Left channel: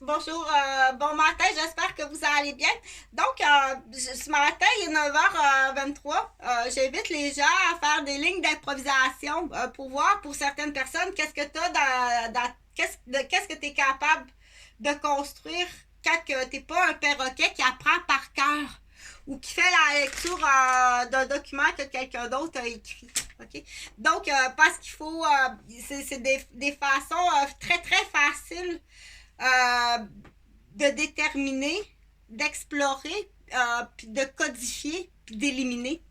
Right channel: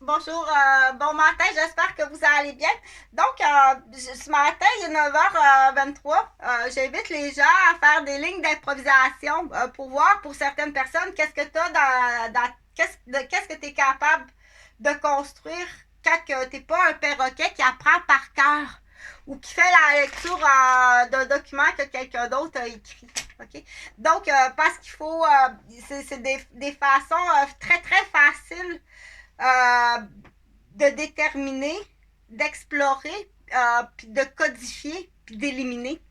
Bonjour, bon matin, j'espère que vous allez bien. Donc, ce matin, il est 9h23. J'invite les gens à faire des lignes d'improvisation pour voir pour certaines personnes qu'est-ce que tu as qu'est-ce que tu es capable de construire quand tu n'es pas un perroquet qui apprend par cœur ou qui fait la lecture d'un document que quelqu'un d'autre a écrit. OK? Donc, parce qu'il faut, c'est des façons très, très faciles euh, de déterminer, d'explorer, puis de codifier, puis d'éliminer,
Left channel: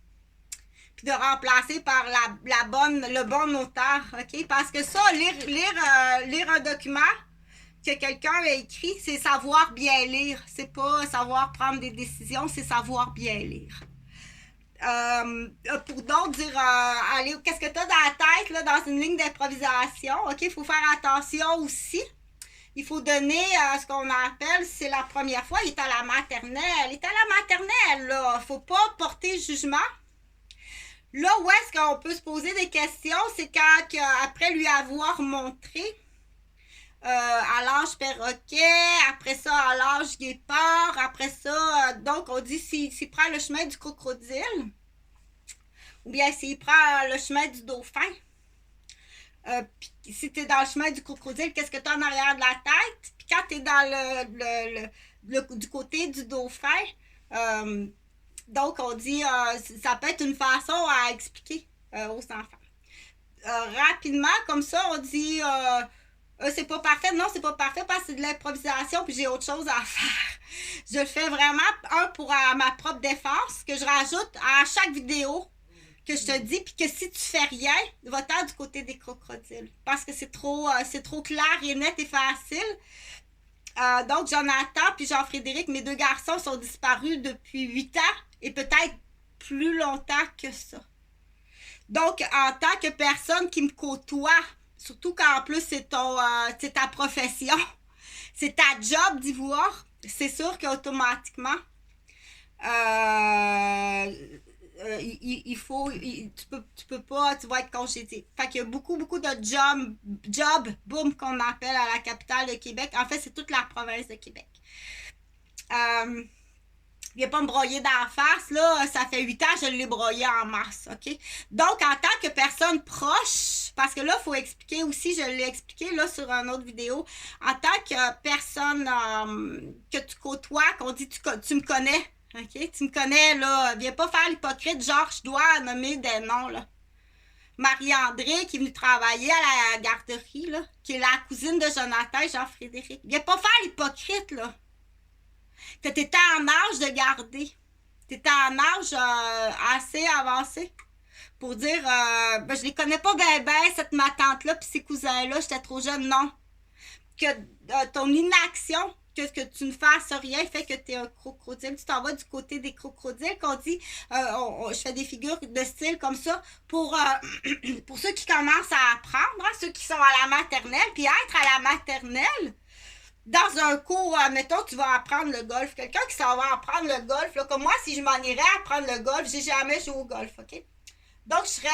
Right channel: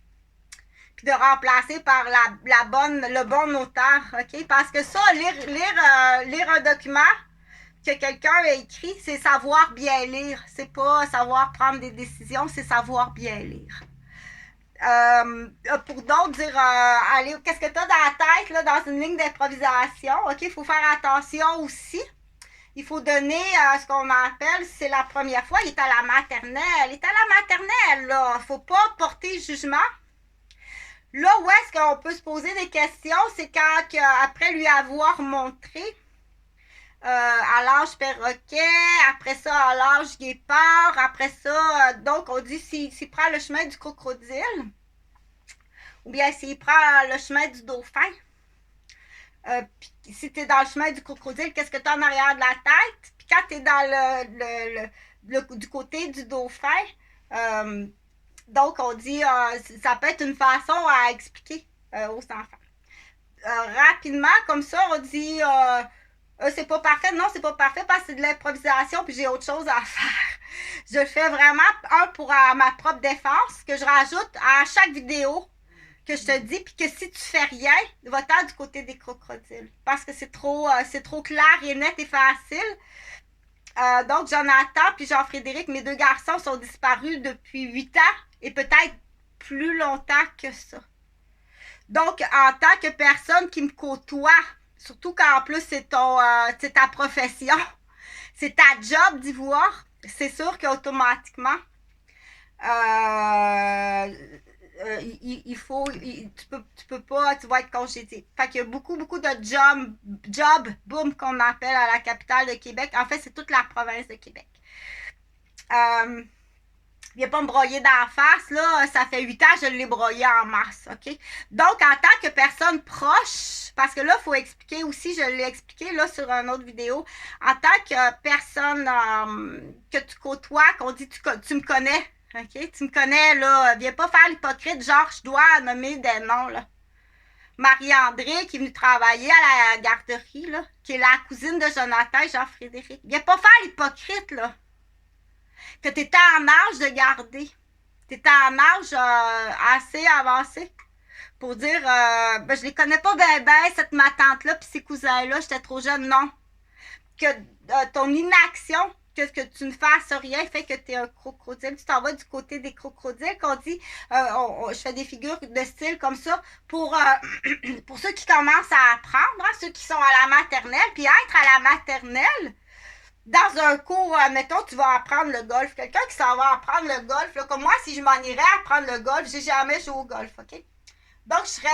puis de remplacer par le bon auteur, OK? Parce que ça, lire un document que quelqu'un a écrit, c'est savoir bien lire. C'est pas savoir prendre des décisions, c'est savoir bien lire. Pour d'autres, dire allez, qu'est-ce que tu as dans la tête là, dans une ligne d'improvisation? OK, il faut faire attention aussi. Il faut donner ce qu'on appelle, c'est la première fois, il est à la maternelle. Il est à la maternelle, là. Il ne faut pas porter jugement. Là où est-ce qu'on peut se poser des questions, c'est quand, après lui avoir montré à l'âge perroquet, après ça à l'âge guépard, après ça, donc on dit s'il prend le chemin du crocodile, ou bien s'il prend le chemin du dauphin, si tu es dans le chemin du crocodile, qu'est-ce que tu as en arrière de la tête? Puis quand tu es dans du côté du dauphin, donc on dit, ça peut être une façon à expliquer aux enfants. Rapidement, comme ça, on dit, c'est pas parfait. Non, c'est pas parfait parce que c'est de l'improvisation, puis j'ai autre chose à faire. Je fais vraiment un pour ma propre défense, que je rajoute à chaque vidéo que je te dis, puis que si tu fais rien, va-t'en du côté des crocodiles. Parce que c'est trop clair et net et facile. Donc, Jonathan puis Jean-Frédéric, mes deux garçons, sont disparus depuis 8 ans et peut-être plus longtemps que ça. Donc, en tant que personne qui me côtoie, surtout quand en plus c'est ta profession, c'est ta job d'y voir, c'est sûr qu'automatiquement, il faut, tu peux pas, tu vas être congédié. Fait qu'il y a beaucoup de job, boom, qu'on appelle à la capitale de Québec. En fait, c'est toute la province de Québec. Viens pas me broyer dans la face, là, ça fait 8 ans que je l'ai broyé en mars, OK? Donc, en tant que personne proche, parce que là, il faut expliquer aussi, je l'ai expliqué là sur une autre vidéo, en tant que personne que tu côtoies, qu'on dit tu me connais, OK? Tu me connais, là, viens pas faire l'hypocrite, genre, je dois nommer des noms, là. Marie-André, qui est venue travailler à la garderie, là, qui est la cousine de Jonathan et Jean-Frédéric. Viens pas faire l'hypocrite, là. Que tu étais en âge de garder. Tu étais en âge assez avancé pour dire ben, je les connais pas bien, cette ma tante-là, puis ces cousins-là, j'étais trop jeune. Non. Que ton inaction, que tu ne fasses rien, fait que tu es un crocodile. Tu t'en vas du côté des crocodiles, qu'on dit, je fais des figures de style comme ça pour ceux qui commencent à apprendre, hein, ceux qui sont à la maternelle, puis être à la maternelle, dans un cours, mettons, tu vas apprendre le golf. Quelqu'un qui s'en va apprendre le golf, là, comme moi, si je m'en irais apprendre le golf, j'ai jamais joué au golf, OK? Donc, je serais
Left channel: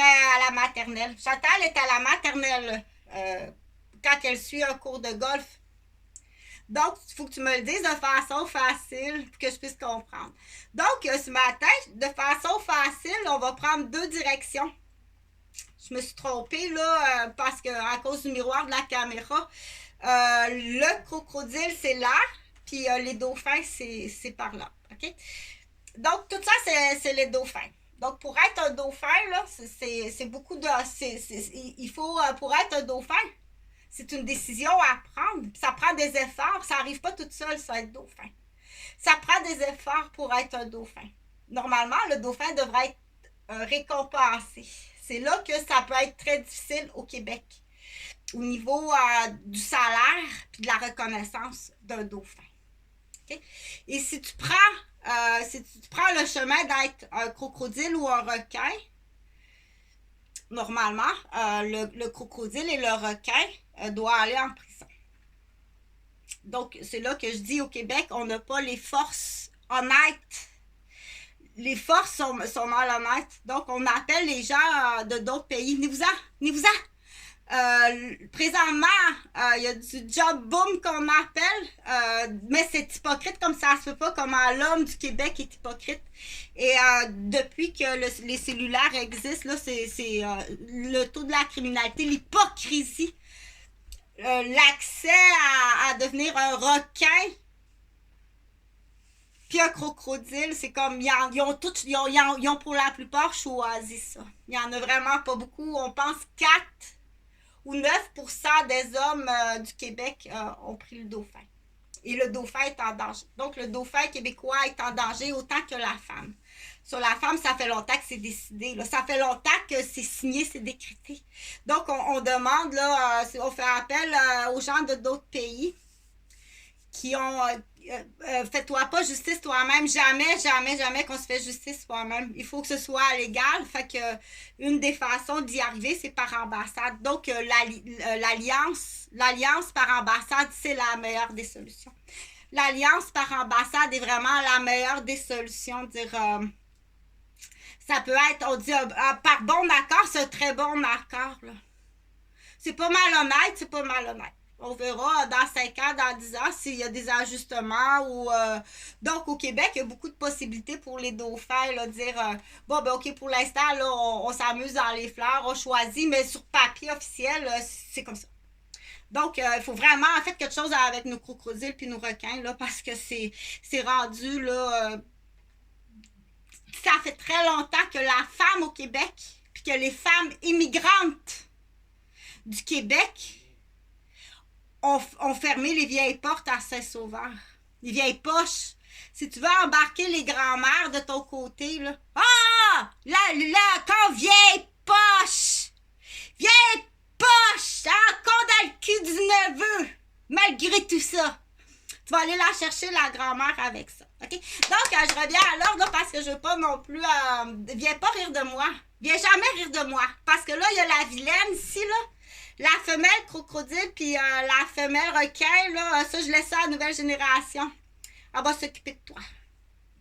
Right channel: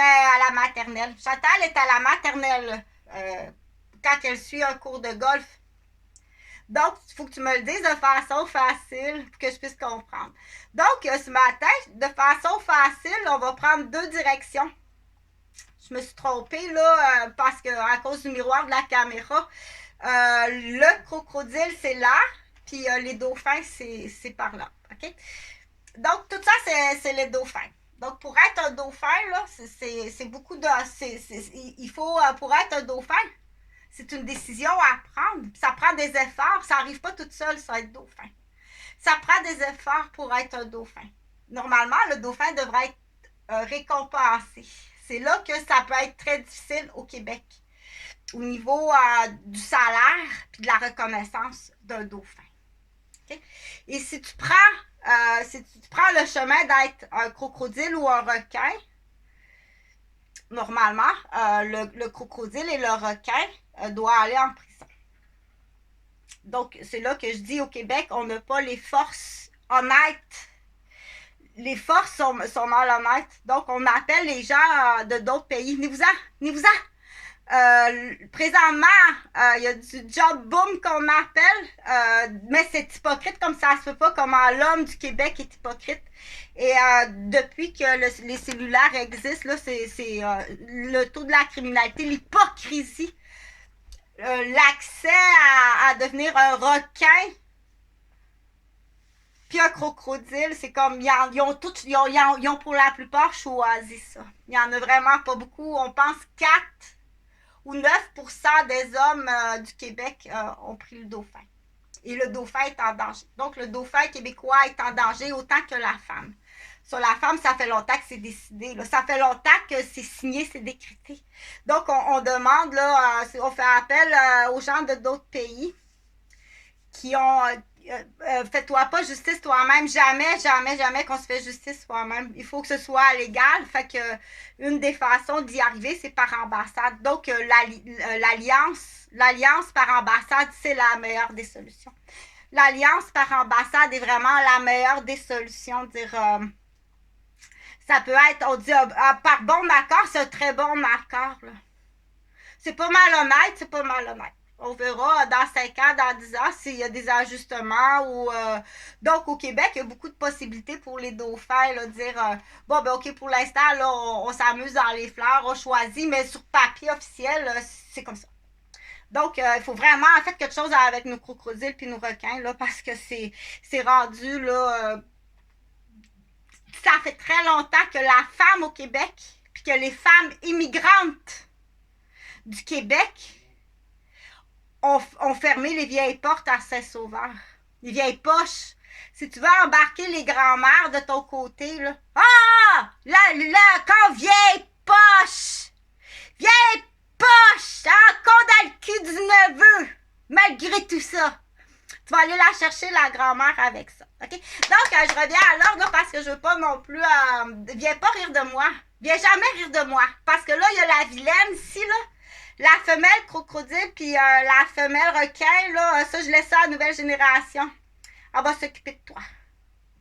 à la maternelle. Chantal est à la maternelle quand elle suit un cours de golf. Donc, il faut que tu me le dises de façon facile pour que je puisse comprendre. Donc, ce matin, de façon facile, on va prendre deux directions. Je me suis trompée, là, parce que à cause du miroir de la caméra, le crocodile, c'est là, puis les dauphins, c'est par là. OK? Donc, tout ça, c'est les dauphins. Donc, pour être un dauphin, là, c'est beaucoup de. Il faut, pour être un dauphin, c'est une décision à prendre. Ça prend des efforts. Ça n'arrive pas toute seule, ça, être dauphin. Ça prend des efforts pour être un dauphin. Normalement, le dauphin devrait être récompensé. C'est là que ça peut être très difficile au Québec au niveau du salaire puis de la reconnaissance d'un dauphin. Okay? Et si tu prends le chemin d'être un crocodile ou un requin, normalement, le crocodile et le requin doivent aller en prison. Donc, c'est là que je dis au Québec, on n'a pas les forces honnêtes. Les forces sont malhonnêtes. Donc, on appelle les gens de d'autres pays. Venez-vous-en! Présentement, il y a du job boom qu'on appelle, mais c'est hypocrite comme ça se peut pas, comment l'homme du Québec est hypocrite. Et depuis que les cellulaires existent, là, c'est le taux de la criminalité, l'hypocrisie, l'accès à devenir un requin, puis un crocodile, c'est comme, ils ont pour la plupart choisi ça. Il y en a vraiment pas beaucoup. On pense 4 ou 9% des hommes du Québec ont pris le dauphin. Et le dauphin est en danger. Donc, le dauphin québécois est en danger autant que la femme. Sur la femme, ça fait longtemps que c'est décidé. Là. Ça fait longtemps que c'est signé, c'est décrété. Donc, on demande, là, on fait appel aux gens de d'autres pays qui ont... fais-toi pas justice toi-même. Jamais qu'on se fait justice soi-même. Il faut que ce soit légal. Fait que une des façons d'y arriver, c'est par ambassade. Donc, l'alliance par ambassade, c'est la meilleure des solutions. L'alliance par ambassade est vraiment la meilleure des solutions. Dire, ça peut être, on dit, par bon accord, c'est un très bon accord. Là. C'est pas malhonnête. On verra dans 5 ans, dans 10 ans, s'il y a des ajustements. Donc, au Québec, il y a beaucoup de possibilités pour les dauphins. Là, dire, bon, ben OK, pour l'instant, là, on s'amuse dans les fleurs, on choisit, mais sur papier officiel, c'est comme ça. Donc, il faut vraiment faire quelque chose avec nos crocodiles puis nos requins, là, parce que c'est rendu, là... ça fait très longtemps que la femme au Québec, puis que les femmes immigrantes du Québec ont fermé les vieilles portes à Saint-Sauveur. Les vieilles poches. Si tu veux embarquer les grands-mères de ton côté, là. Ah! Là, quand vieille poche! Vieille poche! Encore dans le cul du neveu! Malgré tout ça. Tu vas aller la chercher, la grand-mère, avec ça. OK? Donc, je reviens à l'ordre parce que je veux pas non plus... viens pas rire de moi. Viens jamais rire de moi. Parce que là, il y a la vilaine ici, là. La femelle crocodile puis la femelle requin, là, ça, je laisse ça à la nouvelle génération. Elle va s'occuper de toi.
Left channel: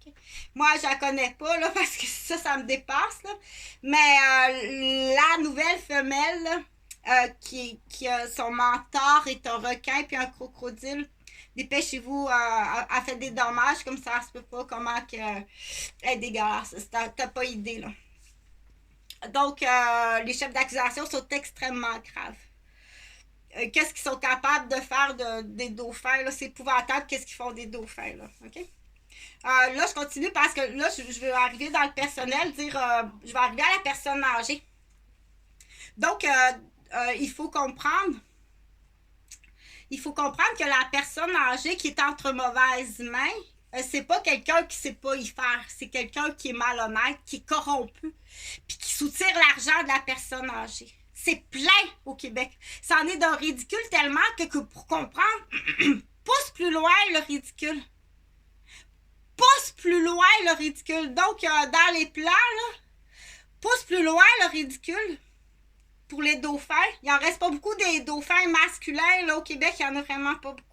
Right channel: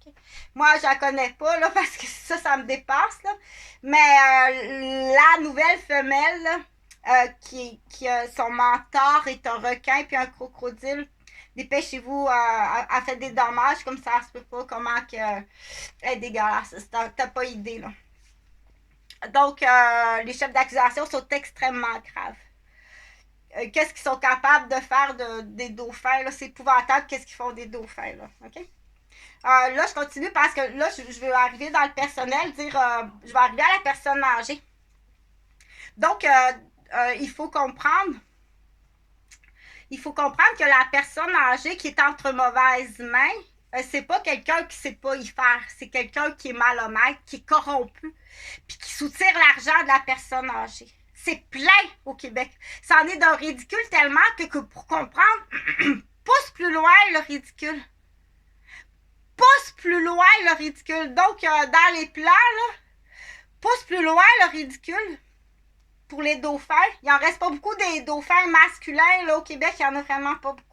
Okay? Moi, je la connais pas, là, parce que ça me dépasse, là. Mais la nouvelle femelle, là, qui son mentor est un requin puis un crocodile, dépêchez-vous, elle fait des dommages comme ça se peut pas, comment que elle est dégueulasse. T'as pas idée, là. Donc, les chefs d'accusation sont extrêmement graves. Qu'est-ce qu'ils sont capables de faire des dauphins, là, c'est épouvantable qu'est-ce qu'ils font des dauphins, là, OK? Là, je continue parce que là, je vais arriver dans le personnel, je vais arriver à la personne âgée. Donc, il faut comprendre que la personne âgée qui est entre mauvaises mains, c'est pas quelqu'un qui sait pas y faire, c'est quelqu'un qui est malhonnête, qui est corrompu, puis qui soutire l'argent de la personne âgée. C'est plein au Québec. Ça en est d'un ridicule tellement que pour comprendre, pousse plus loin le ridicule. Pousse plus loin le ridicule. Donc, dans les plans, là, pousse plus loin le ridicule pour les dauphins. Il en reste pas beaucoup des dauphins masculins là, au Québec. Il y en a vraiment pas beaucoup.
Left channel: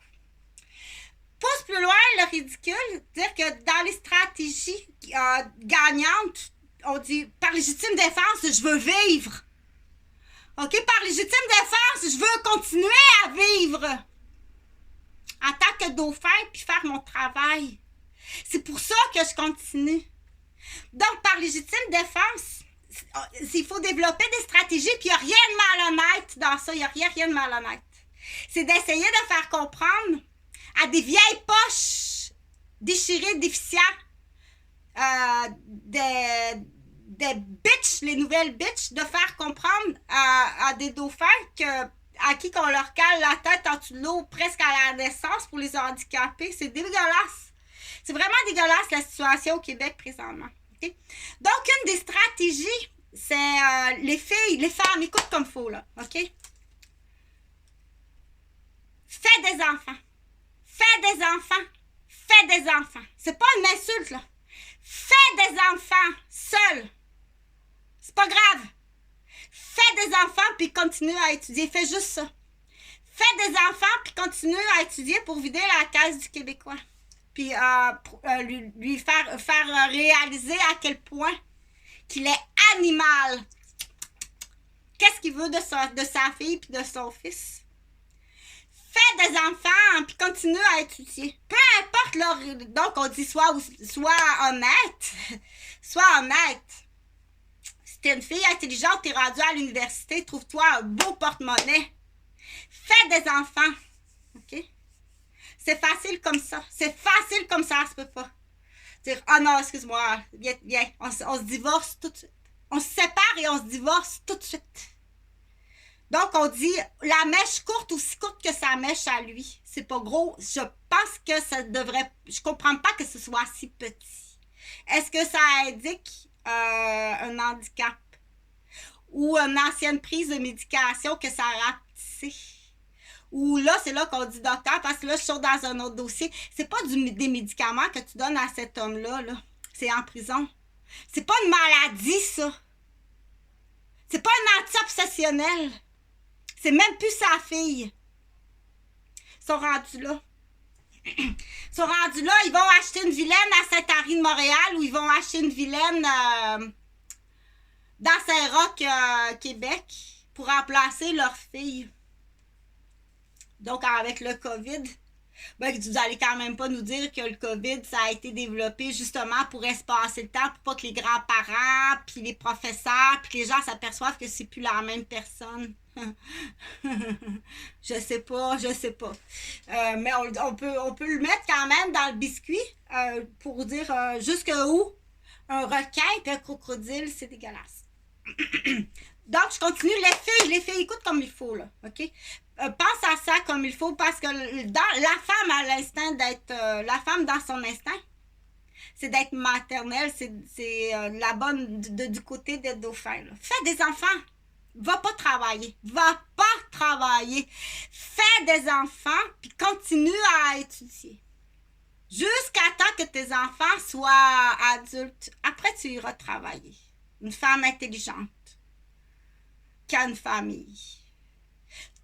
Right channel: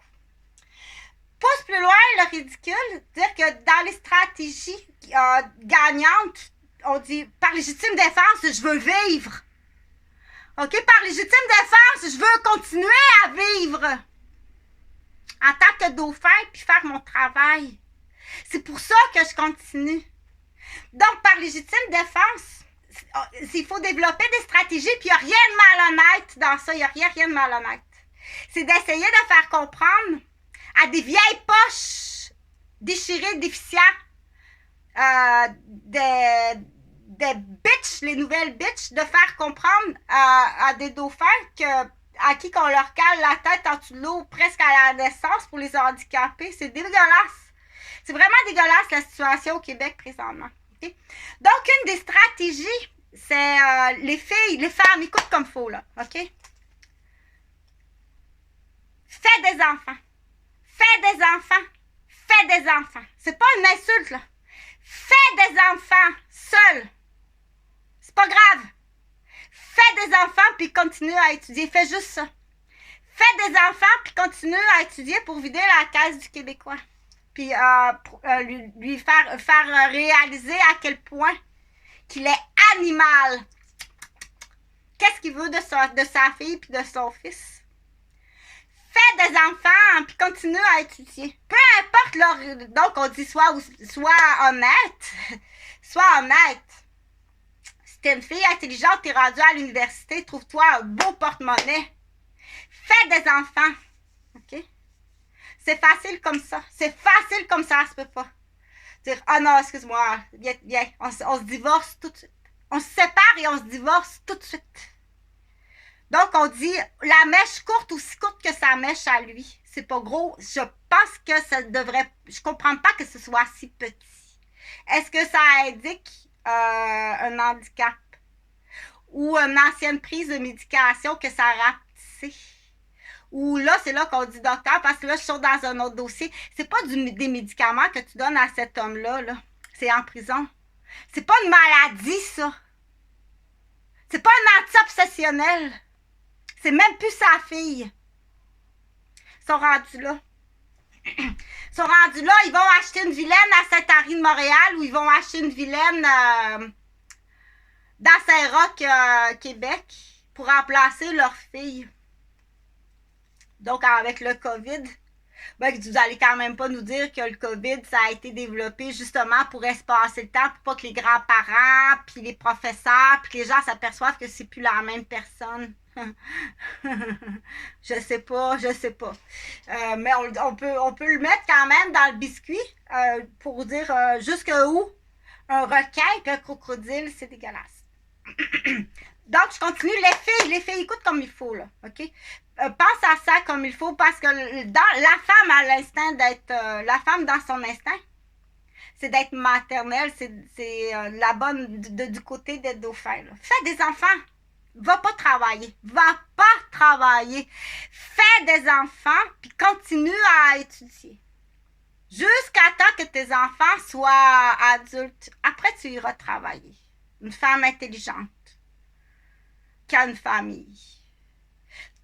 Pousse plus loin le ridicule. Dire que dans les stratégies gagnantes, on dit par légitime défense, je veux vivre. OK? Par légitime défense, je veux continuer à vivre en tant que dauphin puis faire mon travail. C'est pour ça que je continue. Donc, par légitime défense, il faut développer des stratégies puis il n'y a rien de malhonnête dans ça. Il n'y a rien de malhonnête. C'est d'essayer de faire comprendre à des vieilles poches déchirées, déficientes, des bitches, les nouvelles bitches, de faire comprendre à des dauphins à qui qu'on leur cale la tête en dessous de l'eau presque à la naissance pour les handicaper. C'est dégueulasse. C'est vraiment dégueulasse la situation au Québec présentement. Okay? Donc, une des stratégies, c'est les filles, les femmes, écoute comme faut, là. OK? Fais des enfants. Fais des enfants. Fais des enfants. C'est pas une insulte, là. Fais des enfants seuls. C'est pas grave. Fais des enfants puis continue à étudier. Fais juste ça. Fais des enfants puis continue à étudier pour vider la caisse du Québécois. Puis lui faire réaliser à quel point qu'il est animal. qu'est-ce qu'il veut de sa fille puis de son fils. Fais des enfants, puis continue à étudier. Peu importe leur... Donc, on dit sois honnête. Sois honnête. Si t'es une fille intelligente, t'es rendue à l'université, trouve-toi un beau porte-monnaie. Fais des enfants. OK? C'est facile comme ça. C'est facile comme ça se peut pas. Dire, oh non, excuse-moi, viens, on se divorce tout de suite. On se sépare et on se divorce tout de suite. Donc, on dit la mèche courte, aussi courte que sa mèche à lui. C'est pas gros. Je pense que ça devrait... Je comprends pas que ce soit si petit. Est-ce que ça indique un handicap? Ou une ancienne prise de médication que ça a rapetissé? Ou là, c'est là qu'on dit docteur, parce que là, je suis dans un autre dossier. C'est pas des médicaments que tu donnes à cet homme-là, là. C'est en prison. C'est pas une maladie, ça. C'est pas un anti-obsessionnel. C'est même plus sa fille. Ils sont rendus là. Ils sont rendus là, ils vont acheter une vilaine à Saint-Henri de Montréal ou ils vont acheter une vilaine dans Saint-Roch, Québec, pour remplacer leur fille. Donc, avec le COVID, ben, vous allez quand même pas nous dire que le COVID, ça a été développé justement pour espacer le temps, pour pas que les grands-parents, puis les professeurs, puis les gens s'aperçoivent que c'est plus la même personne. Je sais pas. Mais on peut le mettre quand même dans le biscuit pour dire jusqu'où un requin et un crocodile, c'est dégueulasse. Donc, je continue. Les filles, écoute comme il faut, là, OK? Pense à ça comme il faut parce que la femme a l'instinct d'être... la femme, dans son instinct, c'est d'être maternelle, c'est la bonne du côté des dauphins. Là. Fais des enfants. Va pas travailler. Fais des enfants, puis continue à étudier. Jusqu'à temps que tes enfants soient adultes. Après, tu iras travailler. Une femme intelligente qui a une famille.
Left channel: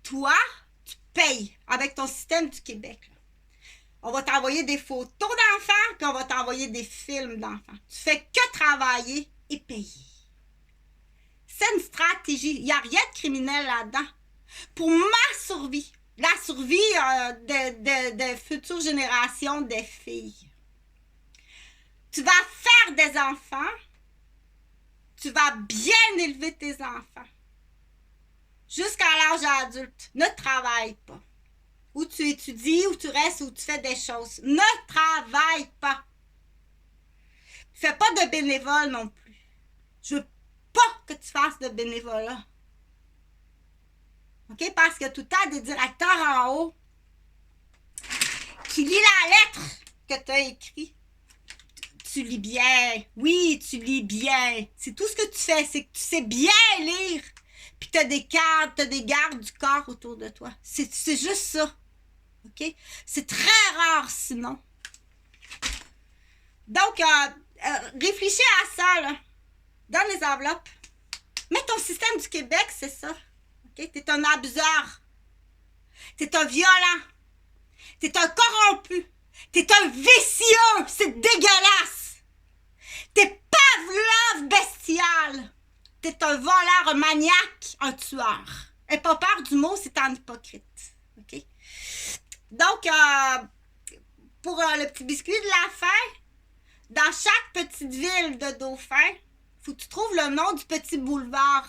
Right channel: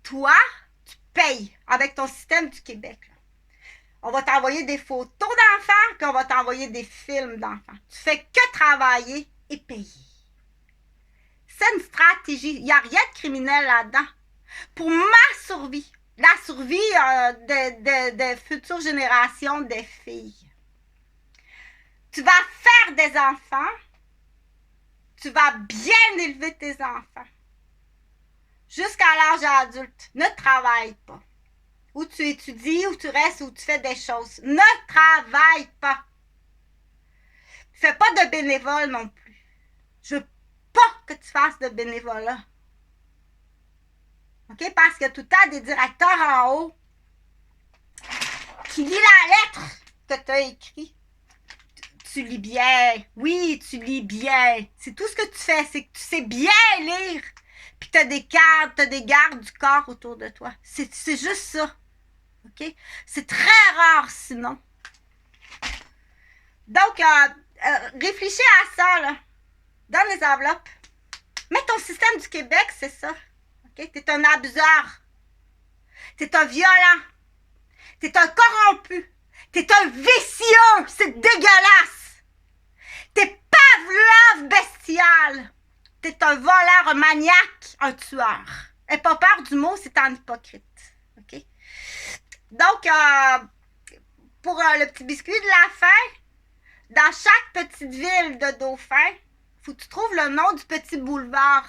Toi, tu payes avec ton système du Québec. Là. On va t'envoyer des photos d'enfants, puis on va t'envoyer des films d'enfants. Tu fais que travailler et payer. C'est une stratégie. Il n'y a rien de criminel là-dedans. Pour ma survie, la survie des futures générations des filles. Tu vas faire des enfants. Tu vas bien élever tes enfants. Jusqu'à l'âge adulte. Ne travaille pas. Ou tu étudies, ou tu restes, ou tu fais des choses. Ne travaille pas. Fais pas de bénévole non plus. Je veux pas que tu fasses de bénévolat. OK? Parce que tout le temps, des directeurs en haut qui lit la lettre que tu as écrite. Tu lis bien. Oui, tu lis bien. C'est tout ce que tu fais, c'est que tu sais bien lire. Puis tu as des gardes du corps autour de toi. C'est juste ça. OK? C'est très rare sinon. Donc, réfléchis à ça, là. Dans les enveloppes. Mais ton système du Québec, c'est ça. OK? T'es un abuseur. T'es un violent. T'es un corrompu. T'es un vicieux. C'est dégueulasse. T'es Pavlov bestial. T'es un voleur, un maniaque, un tueur. N'aie pas peur du mot, c'est un hypocrite. OK? Donc, pour le petit biscuit de la fin, dans chaque petite ville de Dauphin, faut que tu trouves le nom du petit boulevard.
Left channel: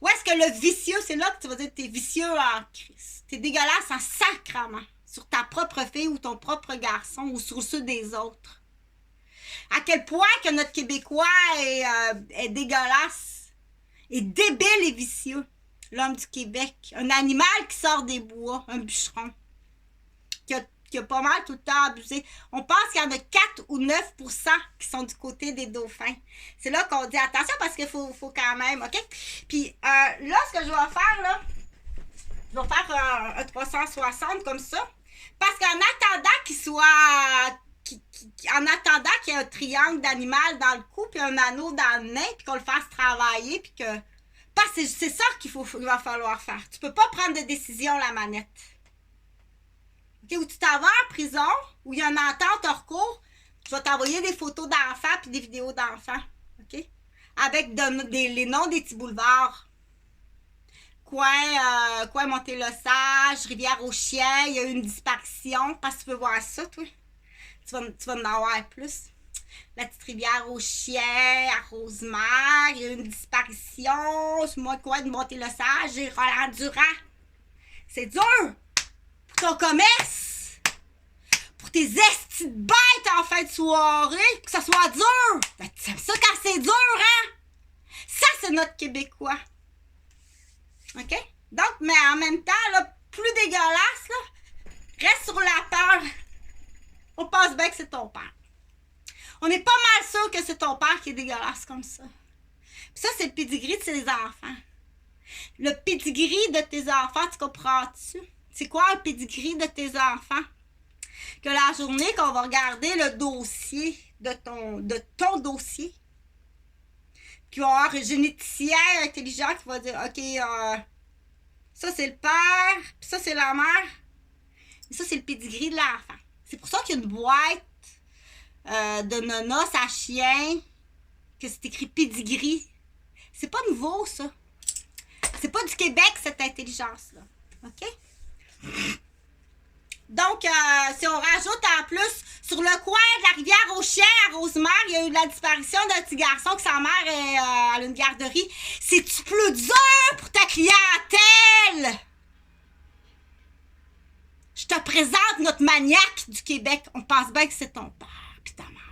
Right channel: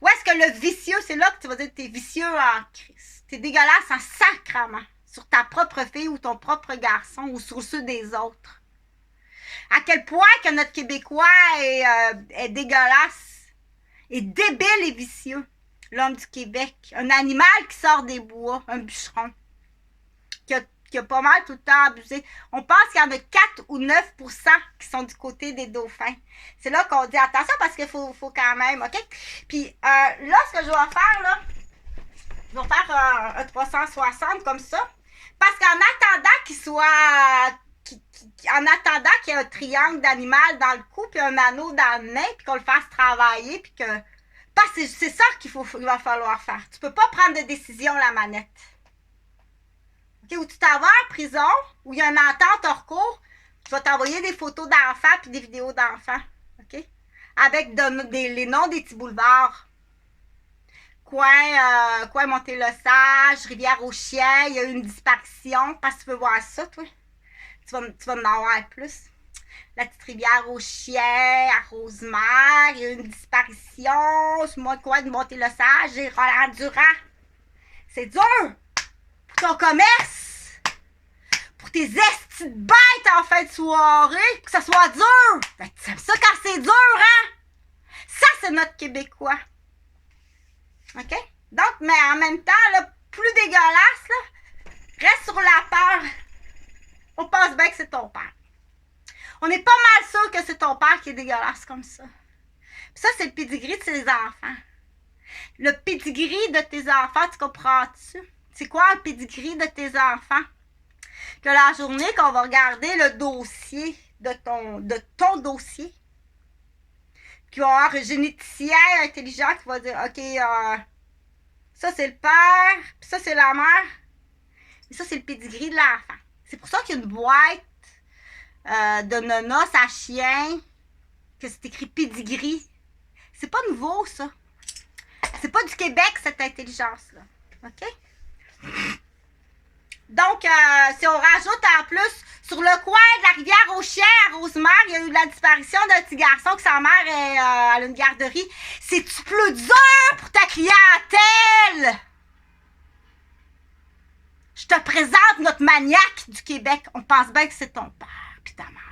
Où est-ce que le vicieux, c'est là que tu vas dire que t'es vicieux en Christ. T'es dégueulasse en sacrament. Sur ta propre fille ou ton propre garçon ou sur ceux des autres. À quel point que notre Québécois est dégueulasse, est débile et vicieux. L'homme du Québec. Un animal qui sort des bois, un bûcheron. Qui a pas mal tout le temps abusé. On pense qu'il y en a 4 ou 9% qui sont du côté des dauphins. C'est là qu'on dit attention parce qu'il faut quand même, OK? Puis là, ce que je vais faire, là, je vais faire un 360 comme ça. Parce qu'en attendant qu'il soit... en attendant qu'il y ait un triangle d'animal dans le cou, puis un anneau dans le nez, puis qu'on le fasse travailler, puis que... Parce que c'est ça qu'il va falloir faire. Tu peux pas prendre de décision la manette. OK? Ou tu t'en vas en prison, où il y a une entente hors cours, Je vais t'envoyer des photos d'enfants puis des vidéos d'enfants. OK? Avec les noms des petits boulevards. Coin Monté-le-Sage, Rivière-aux-Chiens, il y a eu une disparition. Parce que tu veux voir ça, toi. Tu vas en avoir plus. La petite Rivière-aux-Chiens, à Rosemère, il y a eu une disparition. Sur le coin de Monté-le-Sage et Roland-Durand. C'est dur pour ton commerce, pour tes estis de bêtes en fin de soirée, que ça soit dur. Ben, tu aimes ça quand c'est dur, hein? Ça, c'est notre Québécois. OK? Donc, mais en même temps, là, plus dégueulasse, là, reste sur la peur. On pense bien que c'est ton père. On est pas mal sûr que c'est ton père qui est dégueulasse comme ça. Puis ça, c'est le pedigree de ses enfants. Le pedigree de tes enfants, tu comprends-tu? C'est quoi le pedigree de tes enfants? Que la journée qu'on va regarder le dossier de ton dossier, qu'il va y avoir un généticien intelligent qui va dire, OK, ça c'est le père, puis ça c'est la mère, et ça c'est le pedigree de l'enfant. C'est pour ça qu'il y a une boîte de nonos à chien, que c'est écrit pedigree. C'est pas nouveau, ça. C'est pas du Québec, cette intelligence-là. OK? Donc, si on rajoute en plus, sur le coin de la Rivière-aux-Chiens, à Rosemère, il y a eu la disparition d'un petit garçon que sa mère est à une garderie. C'est-tu plus dur pour ta clientèle? Je te présente notre maniaque du Québec. On pense bien que c'est ton père pis ta mère.